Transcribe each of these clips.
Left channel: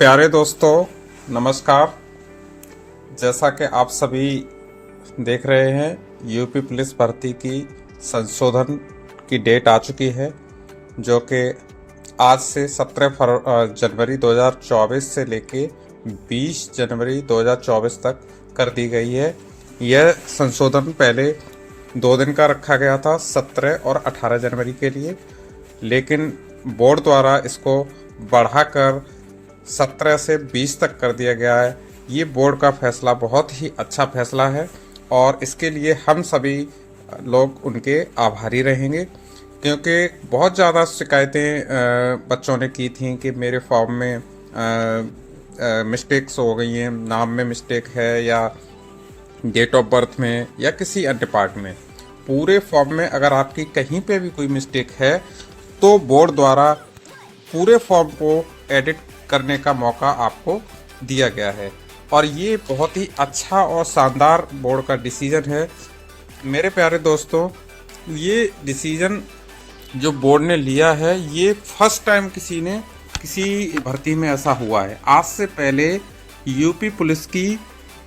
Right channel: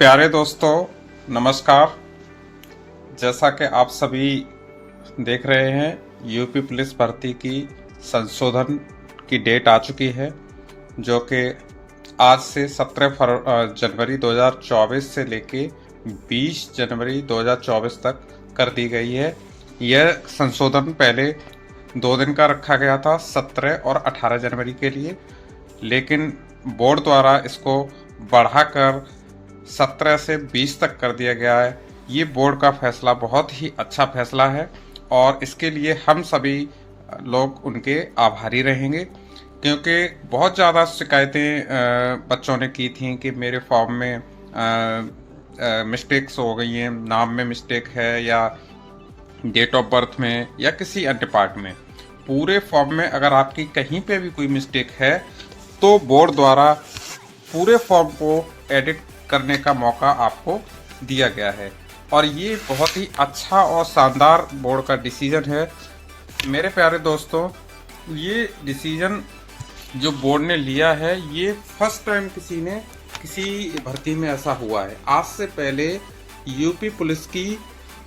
प्यारे दोस्तों, नमस्कार। जैसा कि आप सभी देख रहे हैं, यूपी पुलिस भर्ती की संशोधन की डेट आ चुकी है, जो कि आज से 17 जनवरी 2024 से लेके 20 जनवरी 2024 तक कर दी गई है। यह संशोधन पहले 2 दिन का रखा गया था, 17 और 18 जनवरी के लिए, लेकिन बोर्ड द्वारा इसको बढ़ाकर 17 से 20 तक कर दिया गया है। ये बोर्ड का फैसला बहुत ही अच्छा फैसला है और इसके लिए हम सभी लोग उनके आभारी रहेंगे, क्योंकि बहुत ज़्यादा शिकायतें बच्चों ने की थी कि मेरे फॉर्म में मिस्टेक्स हो गई हैं, नाम में मिस्टेक है या डेट ऑफ बर्थ में या किसी अन्य पार्ट में। पूरे फॉर्म में अगर आपकी कहीं पे भी कोई मिस्टेक है तो बोर्ड द्वारा पूरे फॉर्म को एडिट करने का मौका आपको दिया गया है और ये बहुत ही अच्छा और शानदार बोर्ड का डिसीजन है। मेरे प्यारे दोस्तों, ये डिसीजन जो बोर्ड ने लिया है, ये फर्स्ट टाइम किसी भर्ती में ऐसा हुआ है। आज से पहले यूपी पुलिस की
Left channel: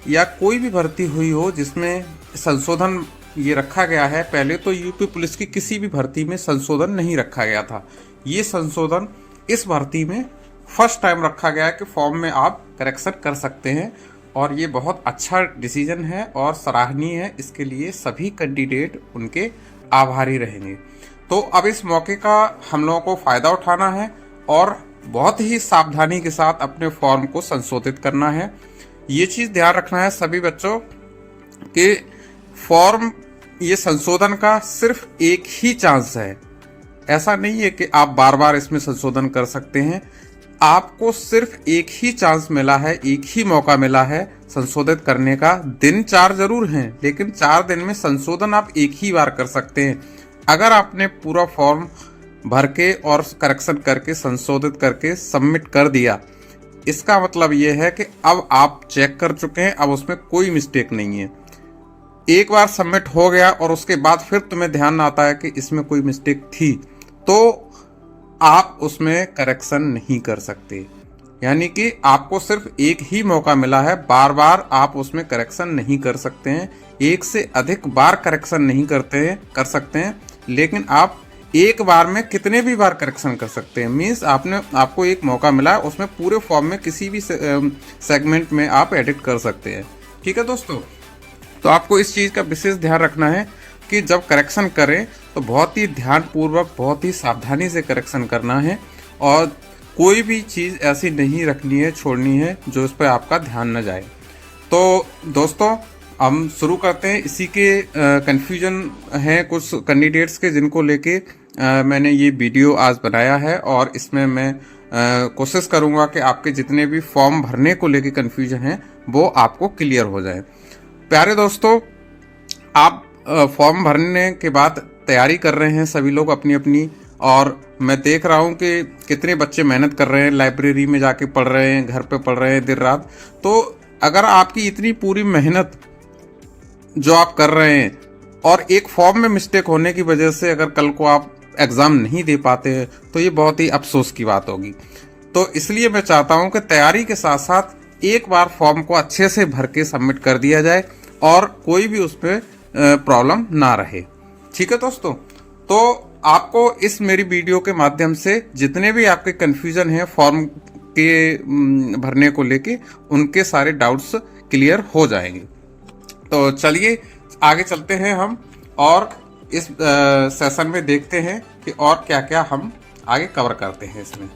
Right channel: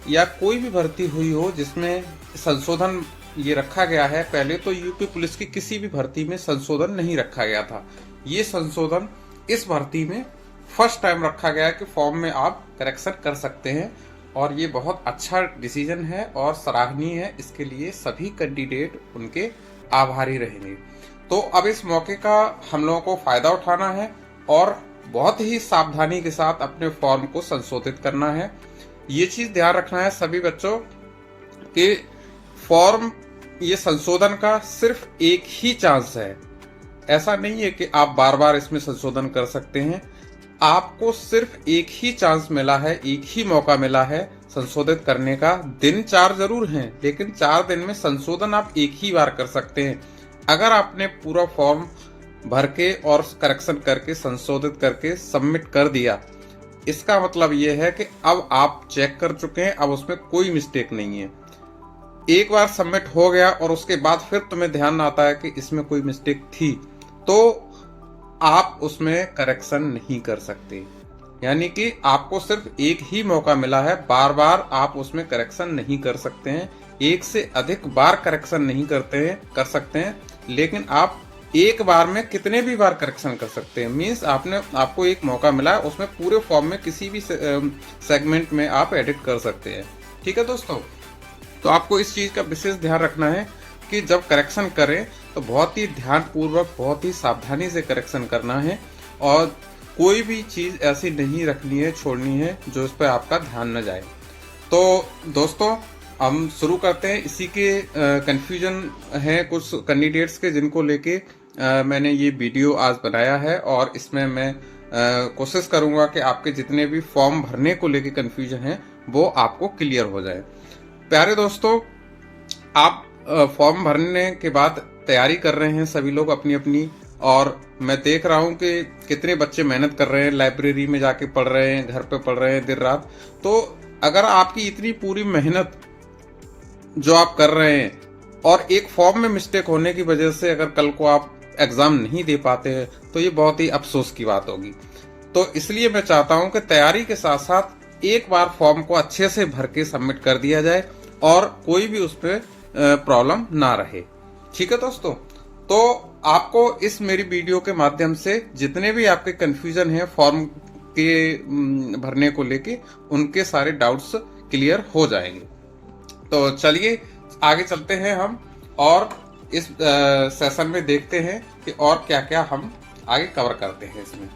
या कोई भी भर्ती हुई हो जिसमें संशोधन ये रखा गया है, पहले तो यूपी पुलिस की किसी भी भर्ती में संशोधन नहीं रखा गया था। ये संशोधन इस भर्ती में फर्स्ट टाइम रखा गया है कि फॉर्म में आप करेक्शन कर सकते हैं और ये बहुत अच्छा डिसीजन है और सराहनीय है। इसके लिए सभी कैंडिडेट उनके आभारी रहेंगे। तो अब इस मौके का हम लोगों को फायदा उठाना है और बहुत ही सावधानी के साथ अपने फॉर्म को संशोधित करना है। ये चीज ध्यान रखना है सभी बच्चों कि फॉर्म ये संशोधन का सिर्फ एक ही चांस है। ऐसा नहीं है कि आप बार बार इसमें संशोधन कर सकते हैं। आपको सिर्फ एक ही चांस मिला है, एक ही मौका मिला है संशोधित करने का। दिन 4 जरूर हैं, लेकिन 4 दिन में संशोधन आप एक ही बार कर सकते हैं। अगर आपने पूरा फॉर्म भर के और करेक्शन करके संशोधित करके सबमिट कर दिया, इसका मतलब ये है कि अब आप चेक कर चुके हैं, अब उसमें कोई मिस्टेक नहीं है। एक बार सबमिट हो गया और उसके बाद फिर तुम्हें ध्यान आता है कि इसमें कोई मिस्टेक थी, तो आप उसमें करेक्शन नहीं कर सकते। यानी कि आपको सिर्फ एक ही मौका मिला है, बार बार आप उसमें करेक्शन नहीं कर सकते हैं। एक से अधिक बार करेक्शन नहीं कर सकते हैं, लेकिन आप एक बार में कितने भी बार करेक्शन कर सकते हैं। मीन्स आपको एक मौका मिला है, उसमें पूरे फॉर्म में किसी भी सेगमेंट में आप एडिट कर सकते हैं। ठीक है दोस्तों, तो आपको इस चीज का विशेष ध्यान रखना है कि जब करेक्शन करें तो बहुत ही ध्यानपूर्वक, बहुत ही सावधानी से करेक्शन करना है और कोई भी चीज़ ऐसी नहीं रखनी है, छोड़नी है जो इस पर आपका ध्यान न जाए। तो दोस्तों, हम शुरू करते हैं। इसी के कंफ्यूजन है कुछ कैंडिडेट्स के, जिनको लेके मैंने ये वीडियो आज बनाया है और इसमें मैं कोशिश करूँगा कि आपके जितने भी फॉर्म भरने को लेके कंफ्यूजन है वो आपको क्लियर हो जाए। प्यारे दोस्तों, आप फॉर्म भरने के बाद तैयारी कर रहे हैं सभी लोग अपनी अपनी, और मैं देख रहा हूं कि कितने बच्चे मेहनत कर रहे हैं, लाइब्रेरी में जाके पढ़ रहे हैं, घर पे पढ़ रहे हैं दिन रात। तो अगर आपकी इतनी पूरी मेहनत जो आप कर रहे हैं और एक फॉर्म में मिस्टेक होने की वजह से अगर कल को आप एग्जाम नहीं दे पाते हैं तो ये बहुत ही अफसोस की बात होगी। तो इसलिए मैं चाहता हूं कि तैयारी के साथ साथ एक बार फॉर्म को अच्छे से भर के सबमिट कर दिया जाए और कोई भी उस पर प्रॉब्लम ना रहे। ठीक है दोस्तों, तो आपको इस मेरी वीडियो के माध्यम से जितने भी आपके कंफ्यूजन है फॉर्म के भरने को लेके, उनके सारे डाउट्स क्लियर हो जाएंगे। तो चलिए आगे चलते हैं हम और इस सेशन में देखते हैं कि और क्या क्या हम आगे कवर करते हैं। इसमें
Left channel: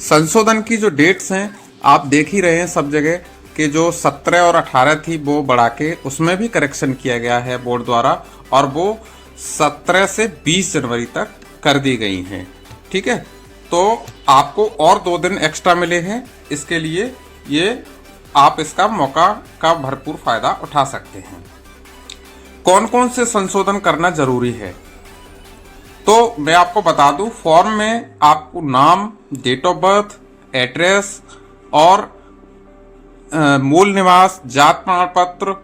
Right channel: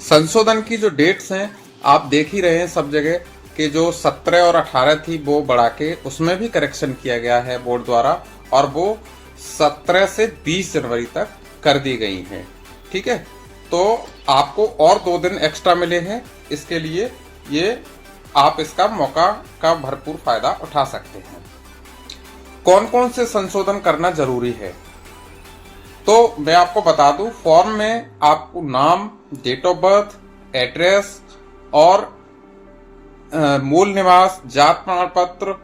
संशोधन की जो डेट्स हैं आप देख ही रहे हैं सब जगह कि जो 17 और 18 थी वो बढ़ा के उसमें भी करेक्शन किया गया है बोर्ड द्वारा, और वो 17 से 20 जनवरी तक कर दी गई हैं। ठीक है, तो आपको और 2 दिन एक्स्ट्रा मिले हैं। इसके लिए ये आप इसका मौका का भरपूर फायदा उठा सकते हैं। कौन कौन से संशोधन करना जरूरी है, तो मैं आपको बता दूं। फॉर्म में आपको नाम, डेट ऑफ बर्थ, एड्रेस और मूल निवास, जात प्रमाण पत्र,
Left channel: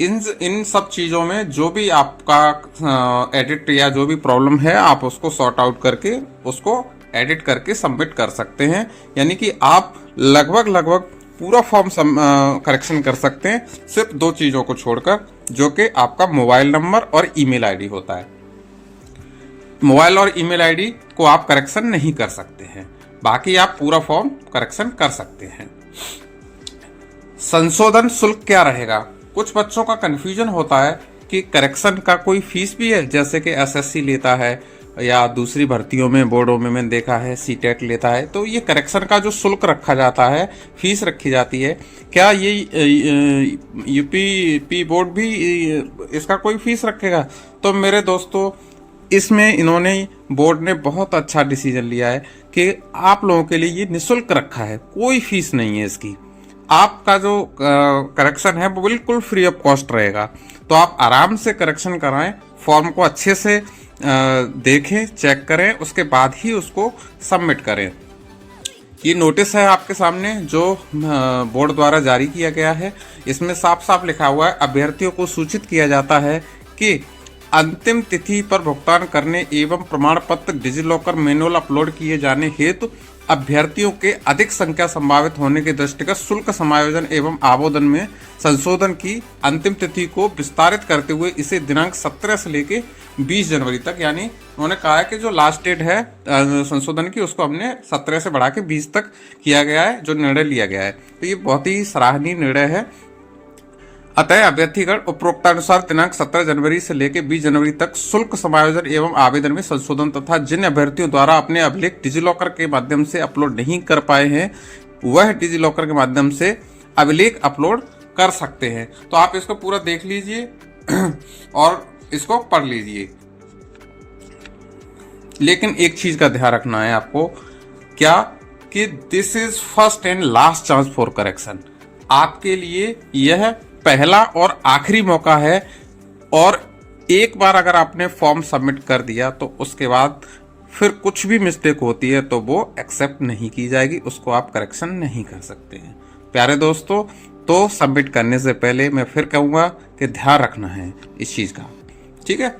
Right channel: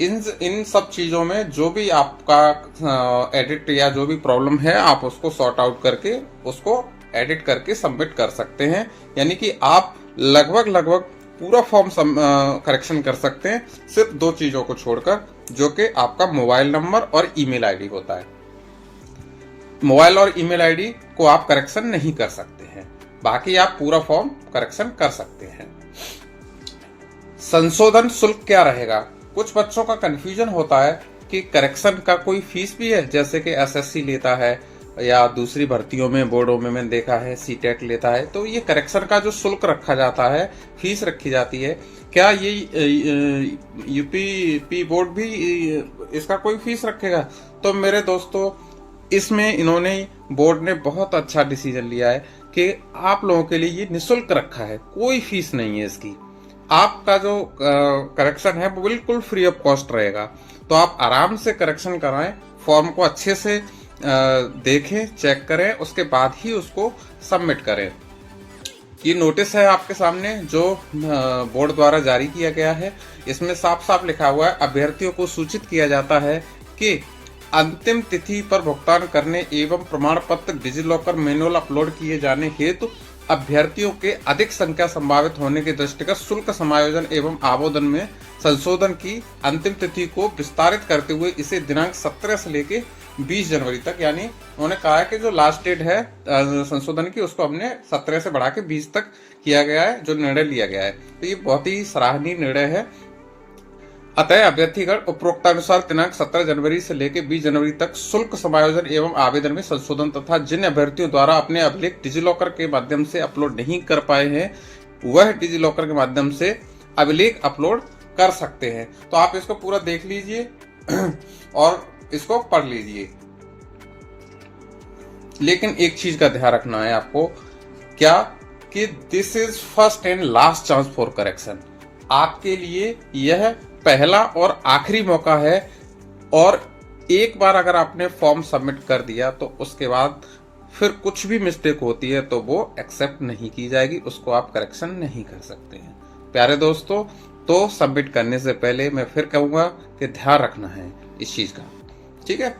इन सब चीजों में जो भी आपका एडिट या जो भी प्रॉब्लम है आप उसको सॉर्ट आउट करके उसको एडिट करके सबमिट कर सकते हैं। यानी कि आप लगभग पूरा फॉर्म करेक्शन कर सकते हैं, सिर्फ 2 चीजों को छोड़कर, जो कि आपका मोबाइल नंबर और ईमेल आईडी होता है। मोबाइल और ईमेल आईडी को आप करेक्शन नहीं कर सकते हैं, बाकी आप पूरा फॉर्म करेक्शन कर सकते हैं। संशोधन शुल्क क्या रहेगा? कुछ बच्चों का कंफ्यूजन होता है कि करेक्शन का कोई फीस भी है, जैसे कि एसएससी लेता है या दूसरी भर्तियों में, बोर्डों में मैंने देखा है सीटेट लेता है, तो ये करेक्शन का जो शुल्क रखा जाता है, फीस रखी जाती है, क्या ये यूपी बोर्ड भी इसका कोई फीस रखेगा? तो मेरे दोस्तों, इसमें इन्होंने, बोर्ड ने बहुत अच्छा डिसीजन लिया है कि आप लोगों के लिए ये निःशुल्क रखा है, कोई फीस नहीं है इसकी। आपका जो करेक्शन है वो बिल्कुल फ्री ऑफ कॉस्ट रहेगा। तो आप आराम से करेक्शन कराएं, फॉर्म को अच्छे से देखें, चेक करें, उसके बाद ही उसको सबमिट करें। ये नोटिस है आपके सामने जो बोर्ड द्वारा जारी किया गया है। इसमें साफ साफ लिखा हुआ है, अभ्यर्थियों को सूचित किया जाता है कि अंतिम तिथि पर भुगतान करने एवं प्रमाण पत्र डिजिलॉकर मैनुअल अपलोड किए जाने हेतु अभ्यर्थियों के अधिक संख्या संभावित होने के दृष्टिगत शुल्क समायोजन एवं आवेदन में संशोधन की अंतिम तिथि को विस्तारित करते हुए इसे दिनांक 17 से लेके 20 जनवरी तक, यानी उन्होंने कहा है कि जो लास्ट डेट है संशोधन की, उसको हमने 17 से बढ़ा के 20 तक किया गया है, जो निर्णय लिया गया है। तो ये बहुत ही सराहनीय निर्णय है। अतः अभ्यर्थीगण उपरोक्तानुसार दिनांक 17 जनवरी से लेकर 20 जनवरी तक शुल्क समायोजन एवं आवेदन में संशोधन तथा जिन अभ्यर्थियों द्वारा अपने अभिलेख डिजिलॉकर के माध्यम से अपलोड नहीं कर पाए हैं, वह डिजिलॉकर के माध्यम से अभिलेख अपलोड कर सकते हैं। तो आप इसको पूरा देख लीजिए और इसको पढ़ लीजिए। लेकिन एक चीज का ध्यान रखना है आपको, क्या कि this is first and last chance for correction. आपके लिए यह पहला और आखिरी मौका है, और एक बार अगर आपने फॉर्म सबमिट कर दिया तो उसके बाद फिर कुछ भी मिस्टेक होती है तो वो एक्सेप्ट नहीं की जाएगी, उसको आप करेक्शन नहीं कर सकते हैं। प्यारे दोस्तों, तो सबमिट करने से पहले मैं फिर कहूंगा कि ध्यान रखना है इस चीज का, ठीक है।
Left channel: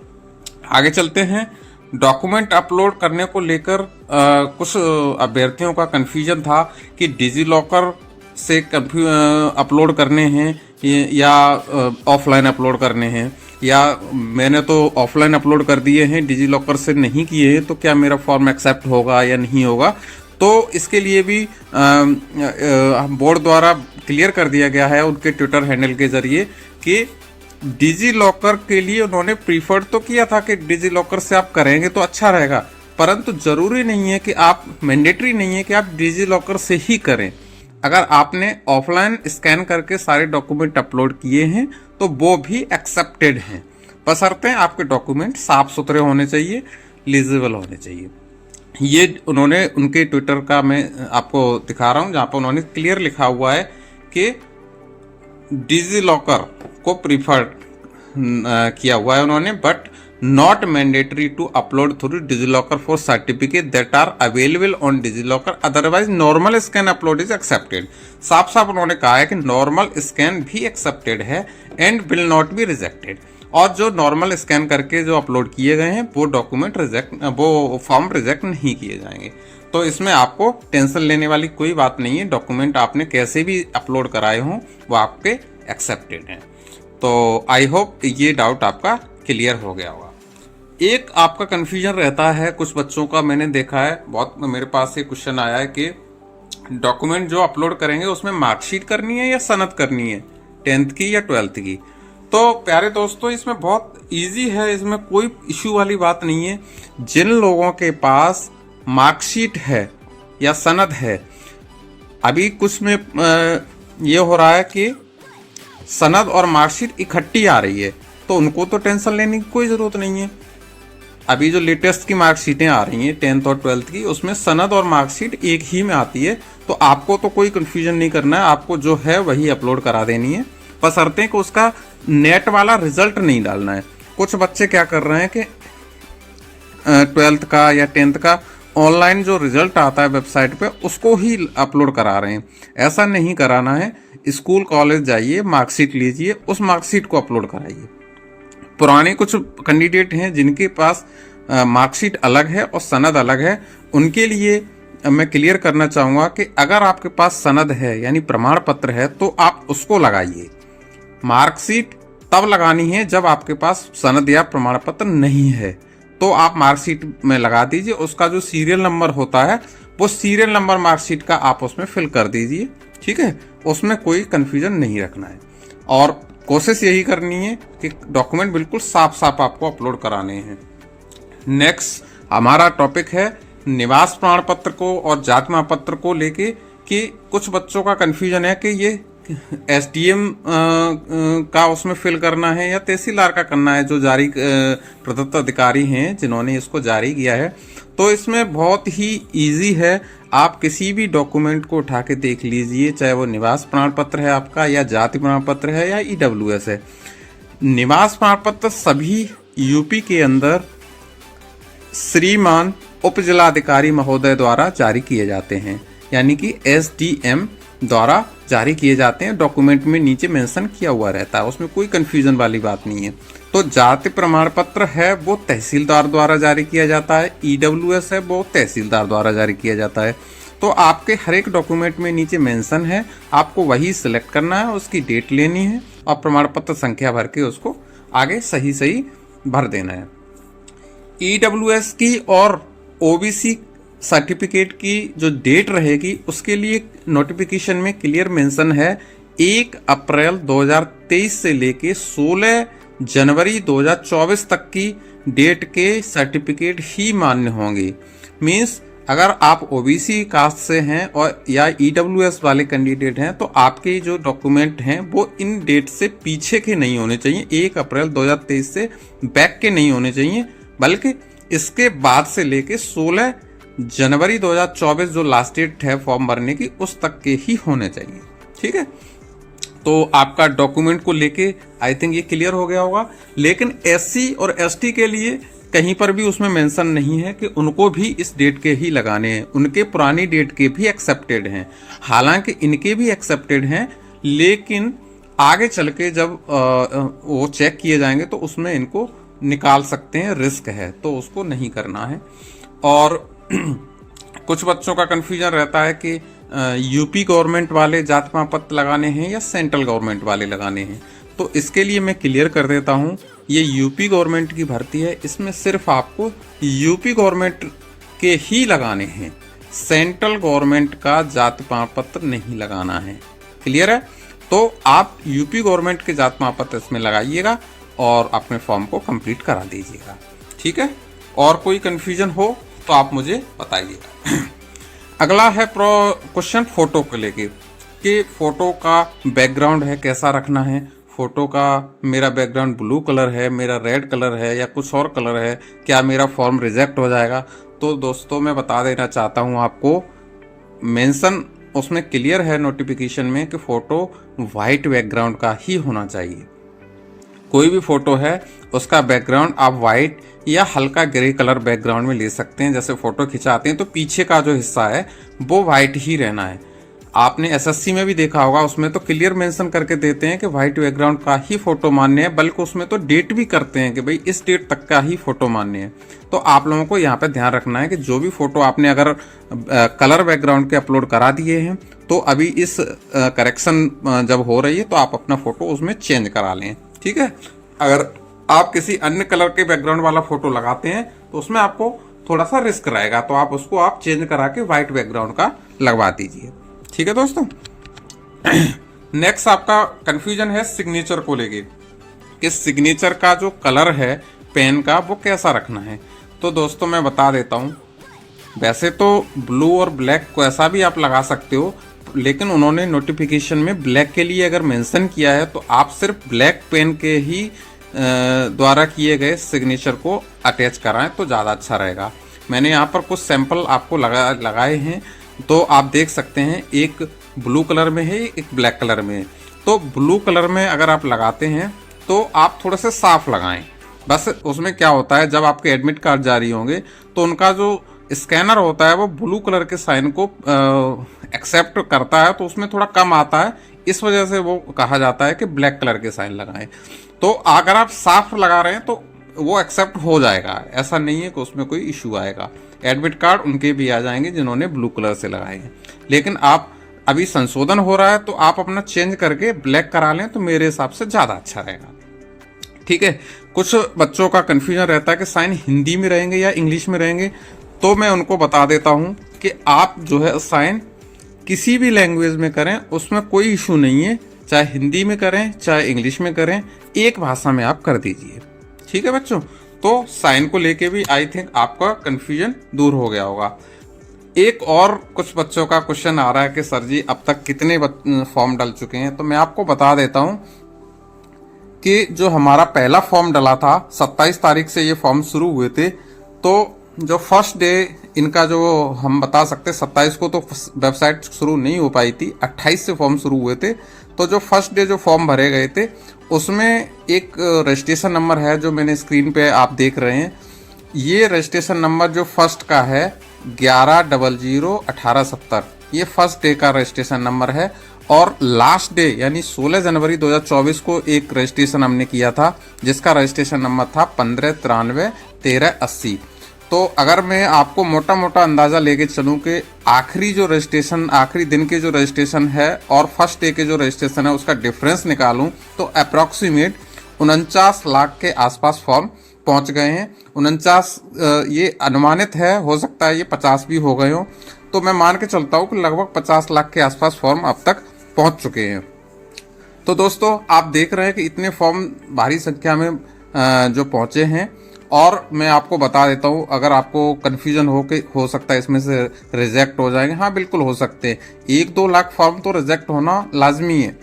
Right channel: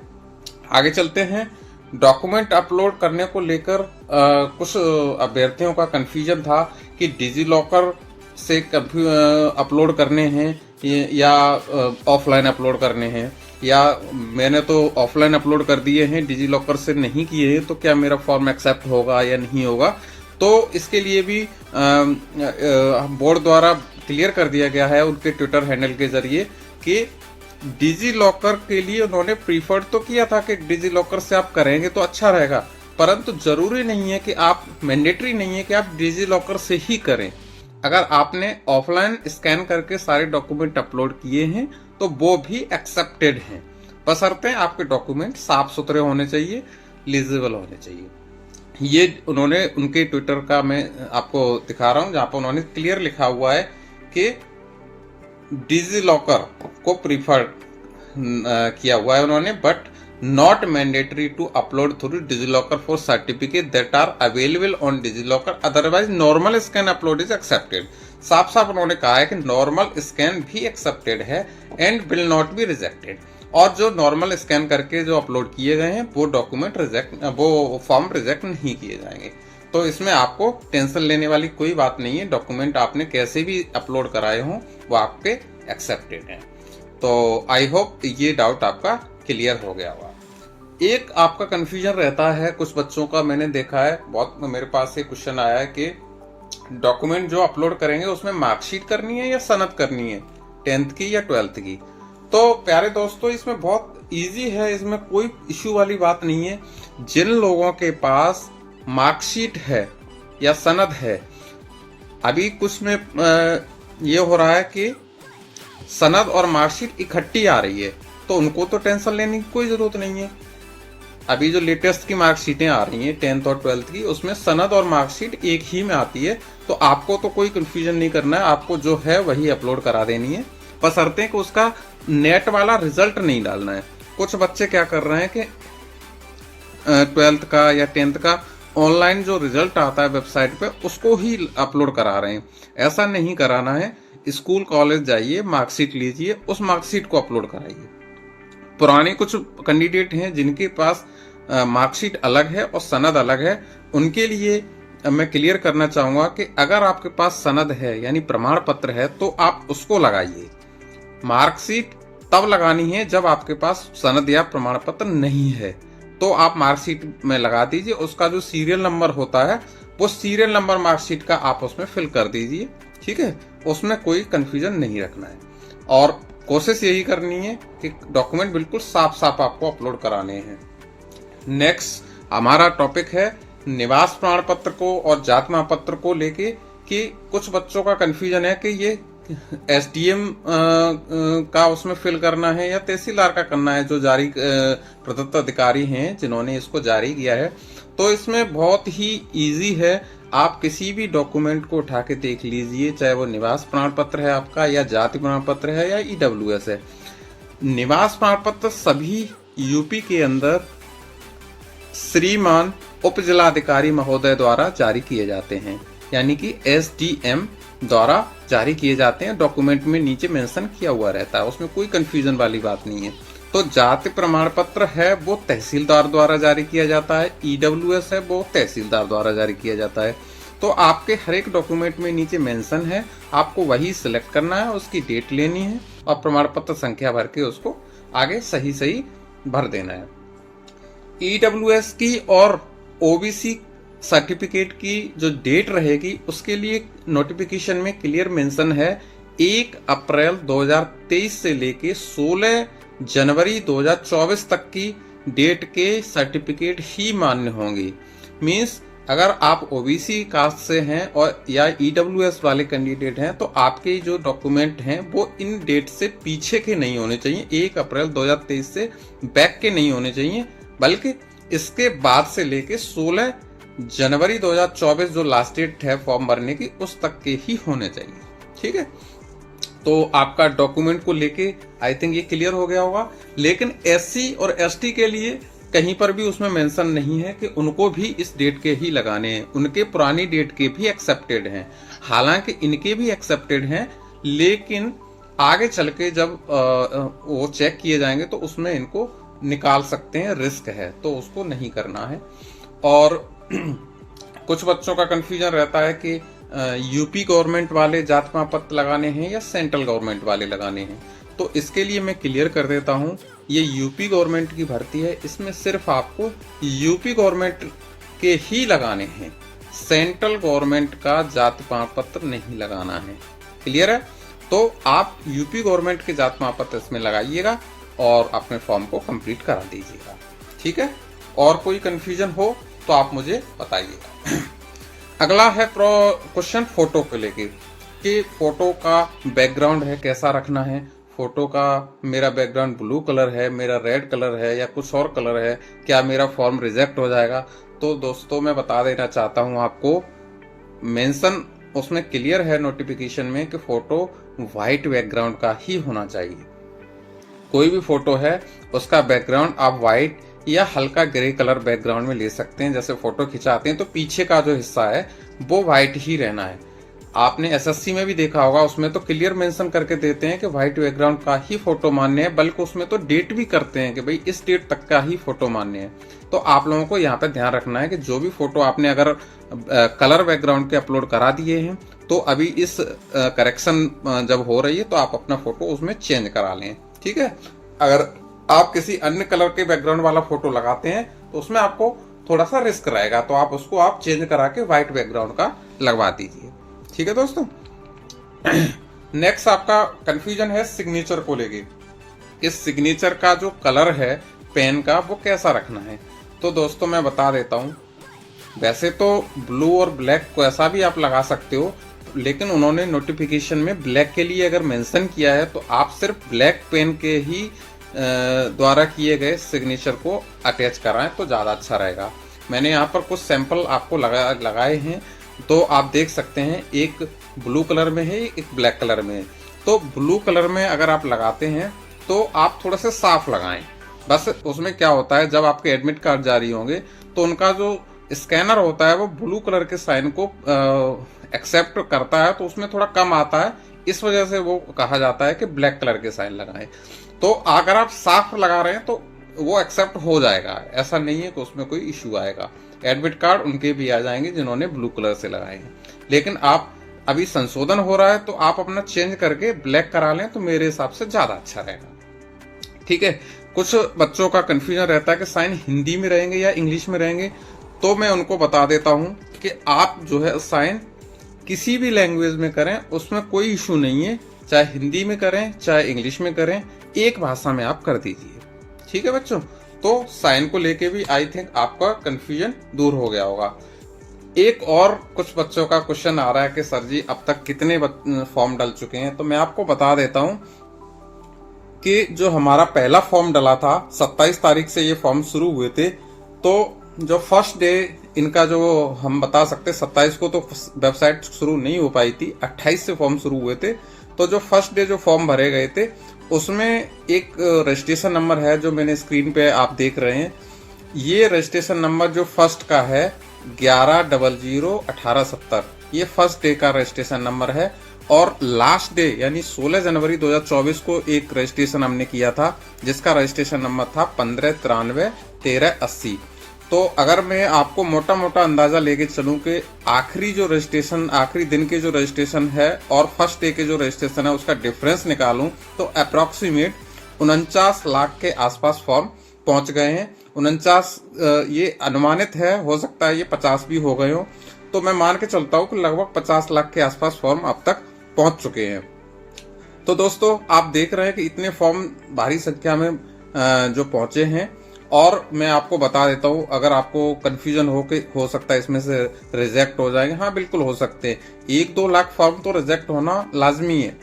आगे चलते हैं। डॉक्यूमेंट अपलोड करने को लेकर कुछ अभ्यर्थियों का कंफ्यूजन था कि डिजिलॉकर से अपलोड करने हैं या ऑफलाइन अपलोड करने हैं, या मैंने तो ऑफलाइन अपलोड कर दिए हैं, डिजिलॉकर से नहीं किए हैं, तो क्या मेरा फॉर्म एक्सेप्ट होगा या नहीं होगा? तो इसके लिए भी बोर्ड द्वारा क्लियर कर दिया गया है उनके ट्विटर हैंडल के जरिए कि डिजिलॉकर के लिए उन्होंने प्रीफर्ड तो किया था कि डिजिलॉकर से आप करेंगे तो अच्छा रहेगा, परंतु जरूरी नहीं है कि आप, मैंडेटरी नहीं है कि आप डिजिलॉकर से ही करें। अगर आपने ऑफलाइन स्कैन करके सारे डॉक्यूमेंट अपलोड किए हैं तो वो भी एक्सेप्टेड हैं, बशर्ते आपके डॉक्यूमेंट साफ सुथरे होने चाहिए, लीजिबल होने चाहिए। ये उन्होंने उनके ट्विटर का मैं आपको दिखा रहा हूं, जहां पर उन्होंने क्लियर लिखा हुआ है कि डिजिलॉकर को प्रीफर किया हुआ है उन्होंने, but not mandatory to upload through DigiLocker for certificate that are available on DigiLocker, otherwise normal scan upload is accepted। साफ साफ उन्होंने कहा है कि नॉर्मल स्कैन भी एक्सेप्टेड है and will not be rejected, और जो नॉर्मल स्कैन करके जो अपलोड किए गए हैं वो डॉक्यूमेंट वो फॉर्म रिजेक्ट नहीं किए जाएंगे। तो इसमें आपको टेंशन लेने वाली कोई बात नहीं है, डॉक्यूमेंट आपने कैसे भी अपलोड कराए हों वो आपके एक्सेप्टेड हैं। तो आई होप ये डाउट आपका क्लियर हो गया होगा। एक आपका कंफ्यूजन रहता है कुछ बच्चों का, मैंने देखा है बहुत, मेरे पास ये क्वेश्चन आया है कि डॉक्यूमेंट जो अपलोड करेंगे उसमें मार्कशीट करनी है या सनद करनी है, 10th की या 12th की। तो प्यारे दोस्तों, इसमें बहुत इजी है, इसमें कोई इश्यू वाली बात नहीं है। जिन लोगों के पास मार्कशीट है या सनद है, अभी कुछ में ये हो रहा है कि सनद और मार्कशीट इकट्ठी आ रही है, तो उनको तो टेंशन लेने की कोई जरूरत नहीं है। अभी जो लेटेस्ट की मार्कशीटें आ रही हैं 10th और 12th की, उसमें सनद और मार्कशीट एक ही में आती है, तो आपको तो कोई कंफ्यूजन नहीं करना है, आपको जो है वही अपलोड करा देनी है, बशर्ते कि उसका नेट वाला रिजल्ट नहीं डालना है। कुछ बच्चे क्या कर रहे हैं कि 12th का या 10th का ऑनलाइन जो रिजल्ट आता है वेबसाइट पे उसको ही अपलोड करा रहे हैं, ऐसा नहीं कराना है। स्कूल कॉलेज जाइए, मार्कशीट लीजिए, उस मार्कशीट को अपलोड कराइए। पुराने कुछ कैंडिडेट हैं जिनके पास मार्कशीट अलग है और सनद अलग है, उनके लिए मैं क्लियर करना चाहूंगा कि अगर आपके पास सनद है यानी प्रमाण पत्र है तो आप उसको लगाइए। मार्कशीट तब लगानी है जब आपके पास सनद या प्रमाण पत्र नहीं है, तो आप मार्कशीट में लगा दीजिए। उसका जो सीरियल नंबर होता है वो सीरियल नंबर मार्कशीट का आप उसमें फिल कर दीजिए, ठीक है। उसमें कोई कंफ्यूजन नहीं रखना है और कोशिश यही करनी है कि डॉक्यूमेंट बिल्कुल साफ साफ आपको अपलोड कराने हैं। नेक्स्ट हमारा टॉपिक है निवास प्रमाण पत्र को और जाति प्रमाण पत्र को लेके, कि कुछ बच्चों का कंफ्यूजन है कि ये एसडीएम का उसमें फिल करना है या तहसीलदार का करना है, जो जारी प्रदत्त अधिकारी हैं जिन्होंने इसको जारी किया है। तो इसमें बहुत ही इजी है, आप किसी भी डॉक्यूमेंट को उठा के देख लीजिए, चाहे वो निवास प्रमाण पत्र है आपका या जाति प्रमाण पत्र है या ईडब्ल्यूएस है। निवास प्रमाण पत्र सभी यूपी के अंदर श्रीमान उप जिलाधिकारी महोदय द्वारा जारी किए जाते हैं, यानी कि एसडीएम द्वारा जारी किए जाते हैं। डॉक्यूमेंट में नीचे मेंशन किया हुआ रहता है, उसमें कोई कंफ्यूजन वाली बात नहीं है। तो जाति प्रमाण पत्र है वो तहसीलदार द्वारा जारी किया जाता है, ईडब्ल्यूएस है वो तहसीलदार द्वारा जारी किया जाता है। तो आपके हर एक डॉक्यूमेंट में नीचे मेंशन है, आपको वही सिलेक्ट करना है, उसकी डेट लेनी है और प्रमाण पत्र संख्या भर के उसको आगे सही सही भर देना है। ईडब्ल्यूएस की और ओबीसी सर्टिफिकेट की जो डेट रहेगी उसके लिए नोटिफिकेशन में क्लियर मेंशन है 1 अप्रैल 2023 से लेके 16 जनवरी 2024 तक की डेट के सर्टिफिकेट ही मान्य होंगे। मींस अगर आप ओबीसी कास्ट से हैं और या ईडब्ल्यूएस वाले कैंडिडेट हैं तो आपके जो डॉक्यूमेंट हैं वो इन डेट से पीछे के नहीं होने चाहिए, 1 अप्रैल 2023 से बैक के नहीं होने चाहिए, बल्कि इसके बाद से लेके 16 जनवरी 2024 जो लास्ट डेट है फॉर्म भरने की उस तक के ही होने चाहिए, ठीक है। तो आपका डॉक्यूमेंट को लेके आई थिंक ये क्लियर हो गया होगा। लेकिन एससी और एसटी के लिए कहीं पर भी उसमें मेंशन नहीं है कि उनको भी इस डेट के ही लगाने हैं, उनके पुरानी डेट के भी एक्सेप्टेड हैं। हालांकि इनके भी एक्सेप्टेड हैं, लेकिन आगे चल के जब वो चेक किए जाएंगे तो उसमें इनको निकाल सकते हैं, रिस्क है, तो उसको नहीं करना है। और कुछ बच्चों का कंफ्यूजन रहता है कि यूपी गवर्नमेंट वाले जाति प्रमाण पत्र लगाने हैं या सेंट्रल गवर्नमेंट वाले लगाने हैं। तो इसके लिए मैं क्लियर कर देता हूं, ये यूपी गवर्नमेंट की भर्ती है, इसमें सिर्फ आपको यूपी गवर्नमेंट के ही लगाने हैं, सेंट्रल गवर्नमेंट का जाति प्रमाण पत्र नहीं लगाना है। क्लियर है? तो आप यूपी गवर्नमेंट के जाति प्रमाण पत्र इसमें लगाइएगा और अपने फॉर्म को कंप्लीट करा दीजिएगा, ठीक है। और कोई कंफ्यूजन हो तो आप मुझे बताइए। अगला है क्वेश्चन फोटो को लेके, कि फोटो का बैकग्राउंड है कैसा रखना है। फोटो का मेरा बैकग्राउंड ब्लू कलर है, मेरा रेड कलर है या कुछ और कलर है, क्या मेरा फॉर्म रिजेक्ट हो जाएगा? तो दोस्तों मैं बता देना चाहता हूं आपको, मेंशन उसमें क्लियर है नोटिफिकेशन में कि फोटो व्हाइट बैकग्राउंड का ही होना चाहिए। कोई भी फोटो है उसका बैकग्राउंड आप व्हाइट या हल्का ग्रे कलर बैकग्राउंड में ले सकते हैं। जैसे फोटो खिंचाते हैं तो पीछे का जो हिस्सा है वो व्हाइट ही रहना है। आपने एसएससी में भी देखा होगा, उसमें तो क्लियर मेंशन करके देते हैं कि व्हाइट बैकग्राउंड का ही फोटो मान्य है, बल्कि उसमें तो डेट भी करते हैं कि भाई इस डेट तक का ही फोटो मान्य है। तो आप लोगों को यहाँ पे ध्यान रखना है कि जो भी फोटो आपने अगर कलर बैकग्राउंड के अपलोड करा दिए हैं तो अभी इस करेक्शन जब हो रही है तो आप अपना फोटो उसमें चेंज करा लें, ठीक है। अगर आप किसी अन्य कलर के बैकग्राउंड वाला फोटो लगाते हैं तो उसमें आपको थोड़ा सा रिस्क रहेगा, तो आप उसको आप चेंज करा के व्हाइट बैकग्राउंड का लगवा दीजिए, ठीक है दोस्तों। नेक्स्ट आपका कंफ्यूजन है सिग्नेचर को लेके, कि सिग्नेचर का जो कलर है पेन का वो कैसा रखना है। तो दोस्तों मैं बता देता हूँ, वैसे तो ब्लू और ब्लैक को ऐसा भी आप लगा सकते हो, लेकिन उन्होंने नोटिफिकेशन में ब्लैक के लिए अगर मेंशन किया है तो आप सिर्फ ब्लैक पेन के ही द्वारा किए गए सिग्नेचर को अटैच कराएं तो ज़्यादा अच्छा रहेगा। मैंने यहाँ पर कुछ सैंपल आपको लगाए हैं, तो आप देख सकते हैं, एक ब्लू कलर में है, एक ब्लैक कलर में है। तो ब्लू कलर में अगर आप लगाते हैं तो आप थोड़े से साफ लगाएं। बस उसमें क्या होता है, जब आपके एडमिट कार्ड जारी होंगे तो उनका जो स्कैनर होता है वो ब्लू कलर के साइन को एक्सेप्ट करता है, तो उसमें थोड़ा कम आता है, इस वजह से वो कहा जाता है कि ब्लैक कलर के साइन लगाएं। तो अगर आप साफ लगा रहे हैं तो वो एक्सेप्ट हो जाएगा, ऐसा नहीं है कि उसमें कोई इशू आएगा। एडमिट कार्ड उनके भी आ जाएंगे जिन्होंने ब्लू कलर से लगाए हैं। लेकिन आप अभी संशोधन हो रहा है तो आप अपना चेंज करके ब्लैक करा लें तो मेरे हिसाब से ज़्यादा अच्छा रहेगा। ठीक है। कुछ बच्चों का कन्फ्यूजन रहता है कि साइन हिंदी में रहेंगे या इंग्लिश में रहेंगे, तो मैं उनको बता देता हूं कि आप जो है साइन किसी भी लैंग्वेज में करें, उसमें कोई इशू नहीं है। चाहे हिंदी में करें चाहे इंग्लिश में करें, एक भाषा में आप कर दीजिए। ठीक है बच्चों, तो साइन को लेके भी आई थिंक आपका कन्फ्यूजन दूर हो गया होगा। एक और कुछ बच्चों का क्वेश्चन आ रहा है कि सर जी अब तक कितने फॉर्म डल चुके हैं, तो मैं आपको बता देता हूं कि जो हमारा पहला फॉर्म डला था 27 तारीख से ये फॉर्म शुरू हुए थे, तो जो फर्स्ट डे इनका जो हम बता सकते 27 को तो वेबसाइट शुरू नहीं हो पाई थी, 28 से फॉर्म शुरू हुए थे। तो जो फर्स्ट डे जो फॉर्म भरे गए थे उसमें एक रजिस्ट्रेशन नंबर है जो मैंने स्क्रीन पे आप देख रहे हैं। ये रजिस्ट्रेशन नंबर जो फर्स्ट का है 11001870, ये फर्स्ट डे का रजिस्ट्रेशन नंबर है। और लास्ट डे यानी 16 जनवरी 2024 को एक रजिस्ट्रेशन हमने किया था जिसका रजिस्ट्रेशन नंबर था 15931380। तो अगर मैं आपको मोटा मोटा अंदाजा लेके चलूं कि आखिरी जो रजिस्ट्रेशन, आखिरी दिन के जो रजिस्ट्रेशन है और फर्स्ट डे के जो रजिस्ट्रेशन है उसका डिफरेंस निकालूं तो अप्रोक्सीमेट 49 लाख के आसपास फॉर्म पहुंच गए हैं। 49 ये अनुमानित है, हो सकता है ये 50 भी हो गए हो, तो मैं मान के चलता हूं कि लगभग 50 लाख के आसपास फॉर्म अब तक पहुंच चुके हैं। तो दोस्तों आप देख रहे हैं कि इतने फॉर्म भारी संख्या में जो पहुंचे हैं। और मैं आपको बता देता हूं, अगर आपको कंफ्यूजन हो सकता है इसमें से रिजेक्ट हो जाएंगे, हाँ बिल्कुल हो सकते हैं। 1-2 लाख फॉर्म तो रिजेक्ट होना लाजमी है।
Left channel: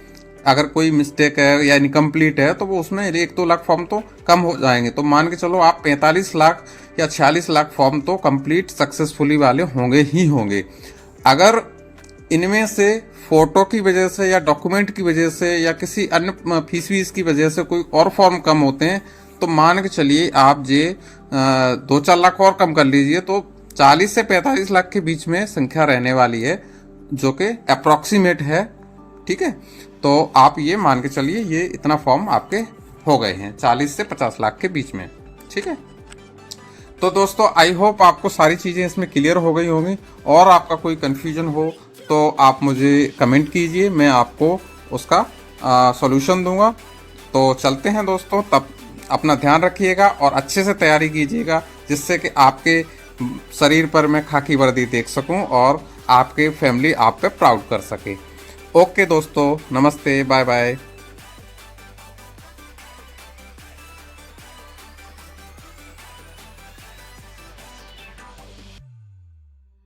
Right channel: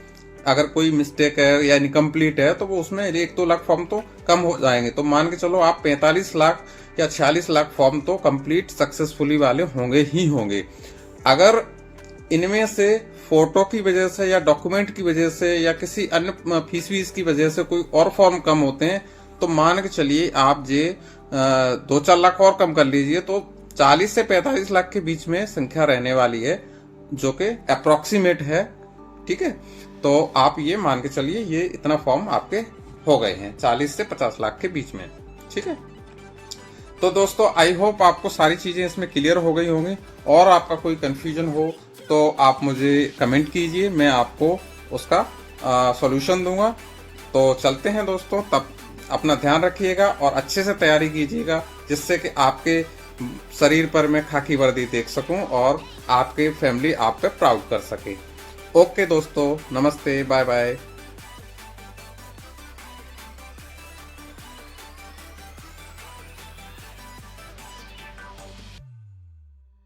अगर कोई मिस्टेक है या इनकम्प्लीट है तो वो उसमें 1-2 लाख फॉर्म तो कम हो जाएंगे। तो मान के चलो आप 45 लाख या 46 लाख फॉर्म तो कंप्लीट सक्सेसफुली वाले होंगे ही होंगे। अगर इनमें से फोटो की वजह से या डॉक्यूमेंट की वजह से या किसी अन्य फीस की वजह से कोई और फॉर्म कम होते हैं तो मान के चलिए आप 2-4 लाख और कम कर लीजिए, तो 40 से 45 लाख के बीच में संख्या रहने वाली है जो कि अप्रोक्सीमेट है। ठीक है, तो आप ये मान के चलिए ये इतना फॉर्म आपके हो गए हैं 40 से 50 लाख के बीच में। ठीक है, तो दोस्तों आई होप आपको सारी चीजें इसमें क्लियर हो गई होंगी। और आपका कोई कंफ्यूजन हो तो आप मुझे कमेंट कीजिए, मैं आपको उसका सॉल्यूशन दूंगा। तो चलते हैं दोस्तों, तब अपना ध्यान रखिएगा और अच्छे से तैयारी कीजिएगा जिससे कि आपके शरीर पर मैं खाकी वर्दी देख सकूं और आपके फैमिली आप पे प्राउड कर सके। ओके दोस्तों, नमस्ते, बाय बाय।